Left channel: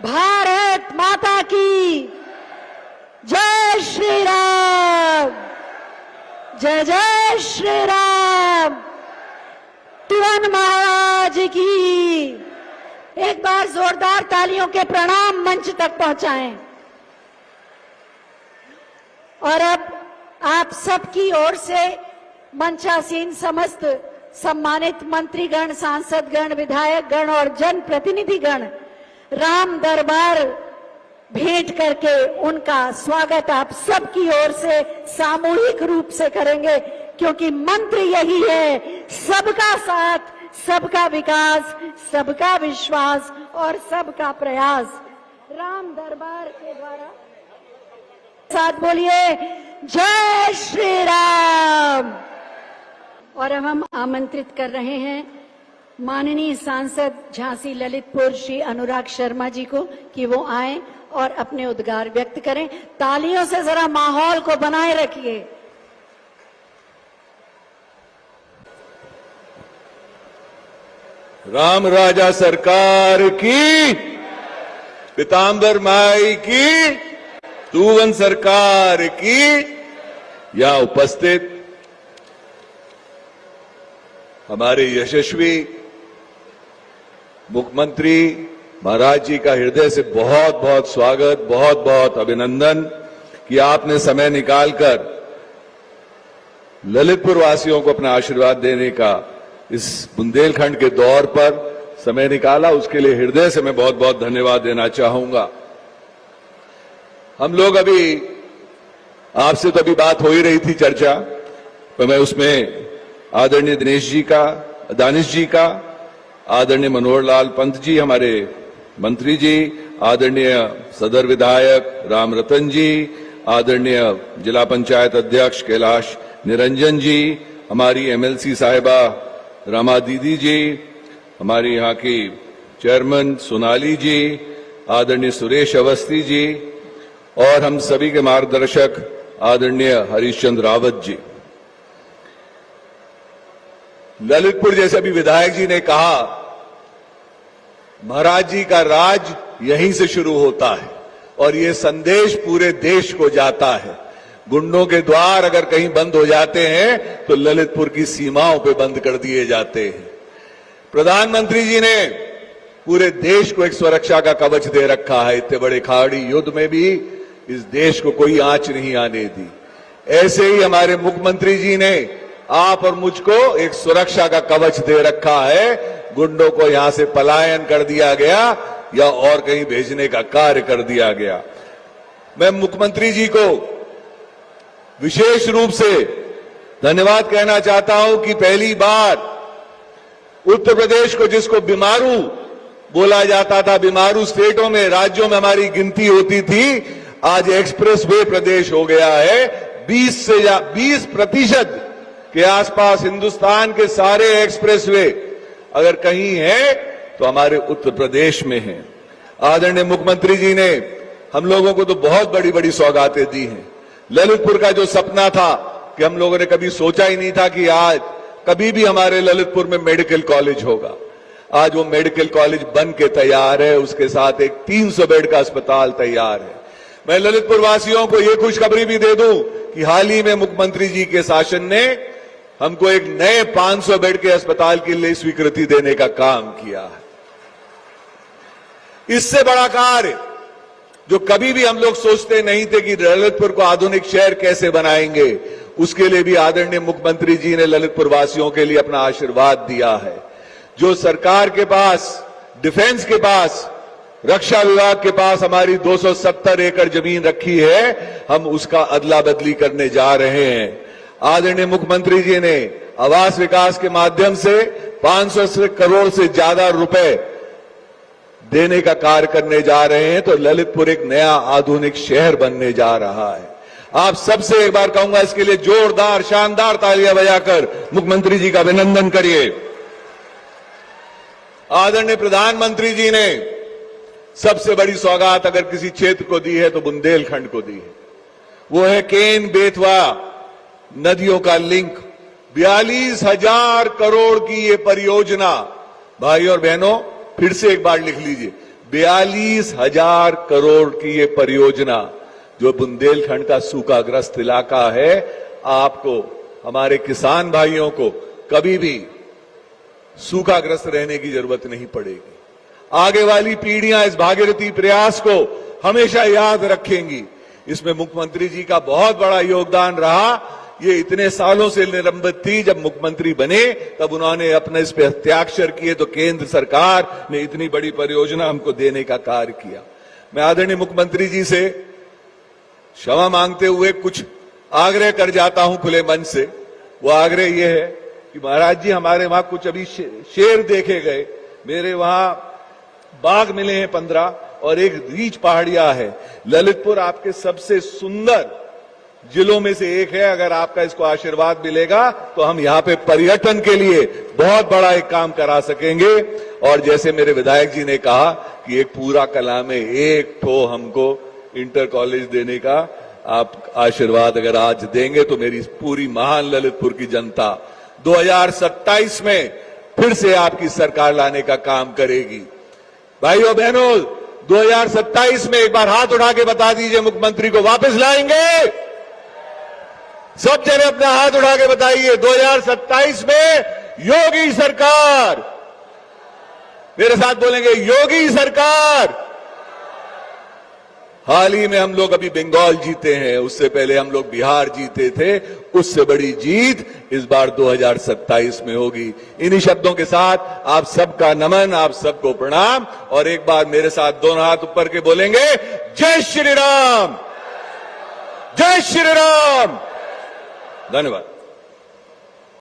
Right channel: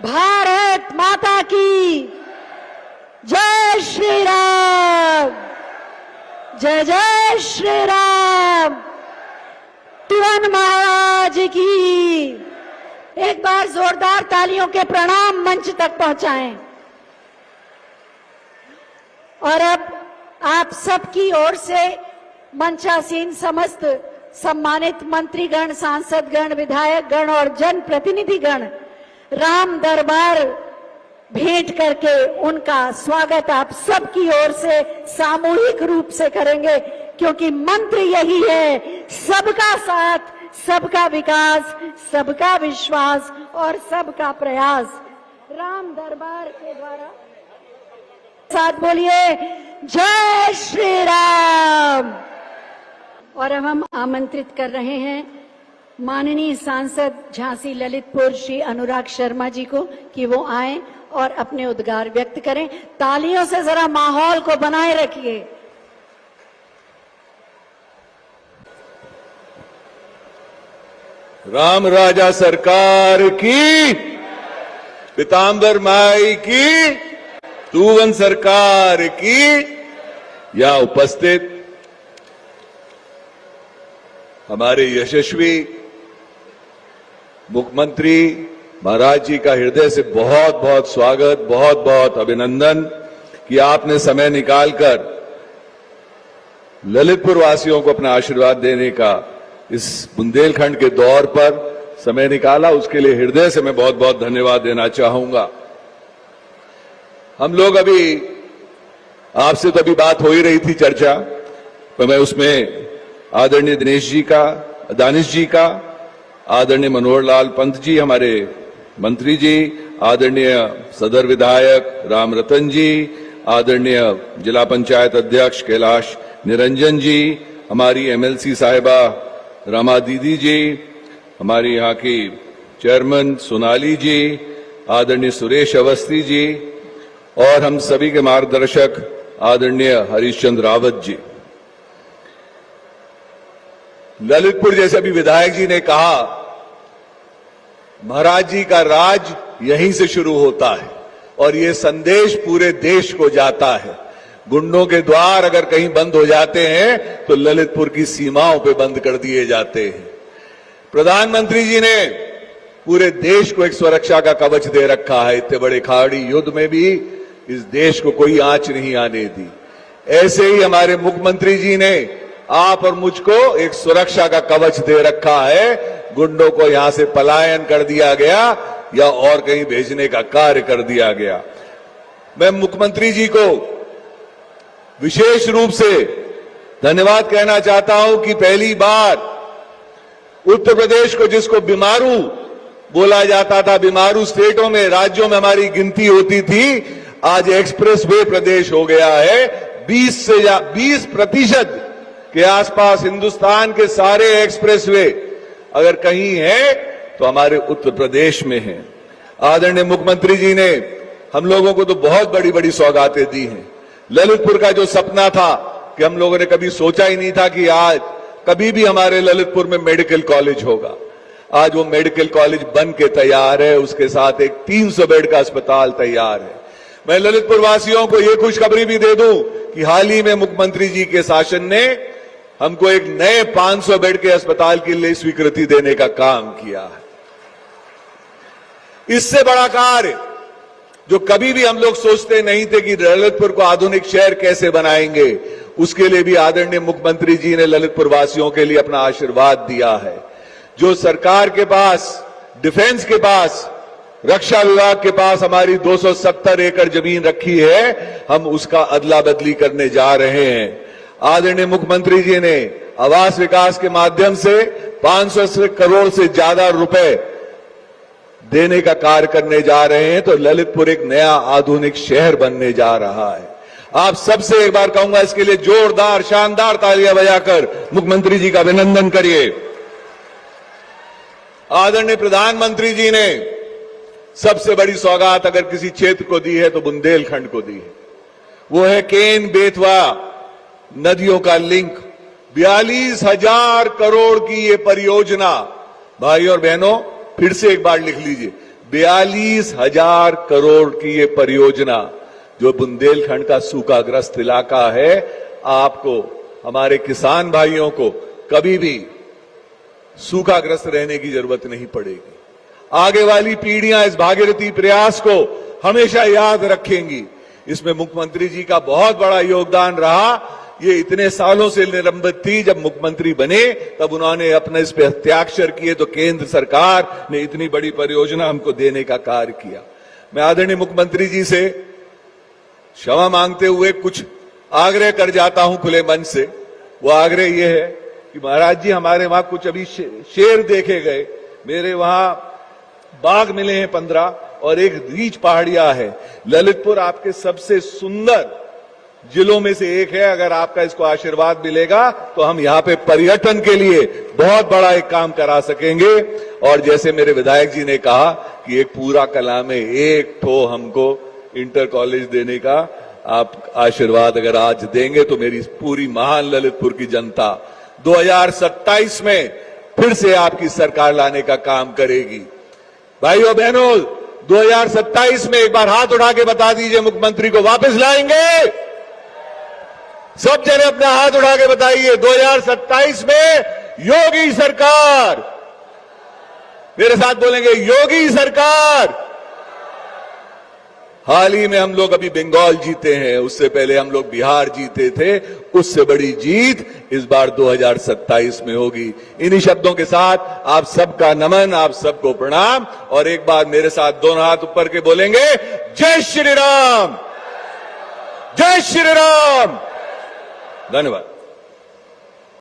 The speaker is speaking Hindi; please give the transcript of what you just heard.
भारत माता की जय श्री राम, जय जय श्री राम। तिवन महाराज की एक बार जोरदार तालियों के प्रणाम मंच तक पहुंचाएं। और अब आप सबकी ओर से मंचासीन समस्त सम्मानित मंत्रीगण, सांसदगण, विधायकगण और जनप्रतिनिधिगण राम दरबार भेंट करके उनका स्वागत आप सबकी ओर से सामूहिक रूप से करेंगे, क्योंकि मंत्र यही है, सबका साथ, सबका विकास, सबका विश्वास और सबका प्रयास। राम दरबार के द्वारा साथ बोलिए जय श्री राम। और अब हम आमंत्रित कर रहे हैं माननीय सांसद झांसी ललितपुर श्री अनुराग शर्मा जी को कि वो आए और अपने उद्गार व्यक्त करें। तालियों से जरा माहौल को बनाए रखिए। राम राजा सरकार की, पीताम्बर माई की, तुवन सरकार की। यहां उपस्थित हमारे यशस्वी मुख्यमंत्री महाराज जी का हृदय से बहुत बहुत स्वागत, बहुत बहुत अभिनंदन कि आपने समय निकालकर ललितपुर वासियों को अपना आशीर्वाद देने का इस बुंदेलखंड के दौर पर समय निकाला। उसके लिए हृदय से मैं बहुत बहुत धन्यवाद देना चाहूंगा। हम लोग अभी आपसे तो अभी बात हो ही रही थी, चर्चा, तो मैं उसमें आदरणीय दानिश जी का, आदरणीय मनोहर लाल पंत जी हमारे मंत्री जी, आदरणीय सदर विधायक राम रतन जी, आदरणीय जिला पंचायत अध्यक्ष कैलाश निरंजन जी, हमारी एमएलसी साहिबा रमा दीदी जी, हमारी यहाँ की चेयरमैन सोनाली जी, आदरणीय सुरेश अवस्थी जी और हम सभी के मार्गदर्शक आदरणीय हरीशचंद्र रावत जी। ललितपुर जैसे भी विधायक जी ने कहा, महाराज जी का राज यहीं से शुरू होता है और ये संदेश पूरे देश को जाता है। गुंडों के द्वार अगर कहीं बंद हो जाते हैं तो ललितपुर की सीमाओं पे बंद कर दिए जाते हैं। प्रधानमंत्री जी ने पूरे देश को एक सुरक्षा का कवच दे रखा है। इतने बड़े खाड़ी युद्ध में भी इस देश को कोई आंच नहीं आने दी। ऐसे ही हमारे मुख्यमंत्री जी ने आप और मुझको एक सुरक्षा का कवच दे रखा है। गुंडों को यहां से पलायन कर दिया गया या और कहीं भेजने का कार्य कर दिया गया। मैं मुख्यमंत्री जी को विशेष रूप से धन्यवाद कहना चाहता हूं कि पहली बार उत्तर प्रदेश को, जिसको बीमारू बोला जाता था, बीमारू स्टेटों में, राज्यों में हमारी गिनती होती थी, आज एक्सप्रेस वे प्रदेश हो गया है। 20% के आसपास हिंदुस्तान के सारे एक्सप्रेसवे अगर कहीं है तो हमारे उत्तर प्रदेश में है। आदरणीय मुख्यमंत्री जी ने हम लोगों को तो बहुत बड़ी बड़ी सौगातें दी हैं। ललितपुर का जो सपना था कि हम लोगों ने कभी सोचा ही नहीं था कि आज कभी भी हमारे ललितपुर में मेडिकल कॉलेज होगा, आज वो मेडिकल कॉलेज बन के तैयार है। उसके साथ एक 300 बेड का अस्पताल तैयार है। मैं ललितपुर वासियों को ये खुशखबरी भी दे दूं कि हाल ही में मुख्यमंत्री जी के शासन ने हमको एक नए 500 बेड के अस्पताल के लिए स्वीकृति देने का काम किया। इससे बड़ा कार्य जो कभी भी हम लोग सोचते नहीं थे कि ललितपुर को आधुनिक शहर कैसे बनाएंगे, उसके लिए भी आदरणीय मुख्यमंत्री जी ने ललितपुर वासियों के लिए अपना आशीर्वाद दिया है। जो सरकार के पास, डिफेंस के पास, रक्षा विभाग के पास हमारी 270 एकड़ जमीन रखी है, हम उसका अदला बदली करने जा रहे हैं। आदरणीय मुख्यमंत्री जी ने आवास विकास के माध्यम से 500 करोड़ से ज्यादा रुपए देने का कार्य करने जा रहे हैं। तो ललितपुर एक नया आधुनिक शहर बनने जा रहा है। आप सबसे एक बार कहूंगा, इसके लिए जोरदार शानदार तालियां बजाकर मुख्यमंत्री जी का अभिनंदन करिए। आदरणीय प्रधानमंत्री जी ने सबसे बड़ी सौगात अगर किसी क्षेत्र को दी है तो बुंदेलखंड को दी है। वो है केन बेतवा नदियों का लिंक। 42,000 करोड़ की ये परियोजना, भाई और बहनों फिर से एक बार लिख लीजिए, 42,000 करोड़ की ये परियोजना जो बुंदेलखंड का सूखाग्रस्त इलाका है, आपको हमारे किसान भाइयों को कभी भी सूखाग्रस्त रहने की जरूरत नहीं पड़ेगी। आगे वाली पीढ़ियां इस भागीरथी प्रयास को हमेशा याद रखेंगी। इसमें मुख्यमंत्री जी का बहुत बड़ा योगदान रहा। ये इतने सालों से निलंबित थी, जब मुख्यमंत्री बने तब उन्होंने अपने इस पे हस्ताक्षर किए तो केंद्र सरकार ने इतनी बड़ी परियोजना हमको देने का कार्य किया। मैं आदरणीय मुख्यमंत्री जी से क्षमा मांगते हुए कुछ आग्रह कर जाता हूं खुले मन से। वो आग्रह यह है कि महाराज जी, हमारे वहां कुछ अभी शेर देखे गए, मेरे वहां बाघ मिले हैं 15 और एक रीछ पहाड़िया है। ललितपुर आपके सबसे सुंदर जिलों में से एक है। अगर आपका इसको आशीर्वाद मिलेगा तो हम यहाँ पे पर्यटन के लिए बहुत बड़ा एक काम करा सकेंगे। और जैसे मेरे विधायक जी ने कहा कि एक पूरा कला में एक ठो हमको इंटर कॉलेज देने का आप आशीर्वाद अगर आज देंगे तो मेरी पूरी महान ललितपुर की जनता 2027 में फिर से आपकी सरकार लाने का काम करेगी। भाइयों बहनों, 2027 में एक बार हाथ उठा के बता दीजिए, मुख्यमंत्री को वापस लाएंगे। सब जने अपना हाथ उठा के बताइए, 2027 में योगी सरकार। मेरे साथ बोलेंगे, योगी सरकार। हाल ही में हम लोग अभी बंगाल जीते हैं, उससे पहले हम लोग बिहार जीते थे। उससे बड़ी जीत इस बार 2027 में होगी। इन्हीं शब्दों के साथ आप सबका नमन, आप सबको प्रणाम। और एक बार मेरे साथ दोनों हाथ ऊपर के बोलेंगे, जय श्री राम, जय श्री राम। धन्यवाद।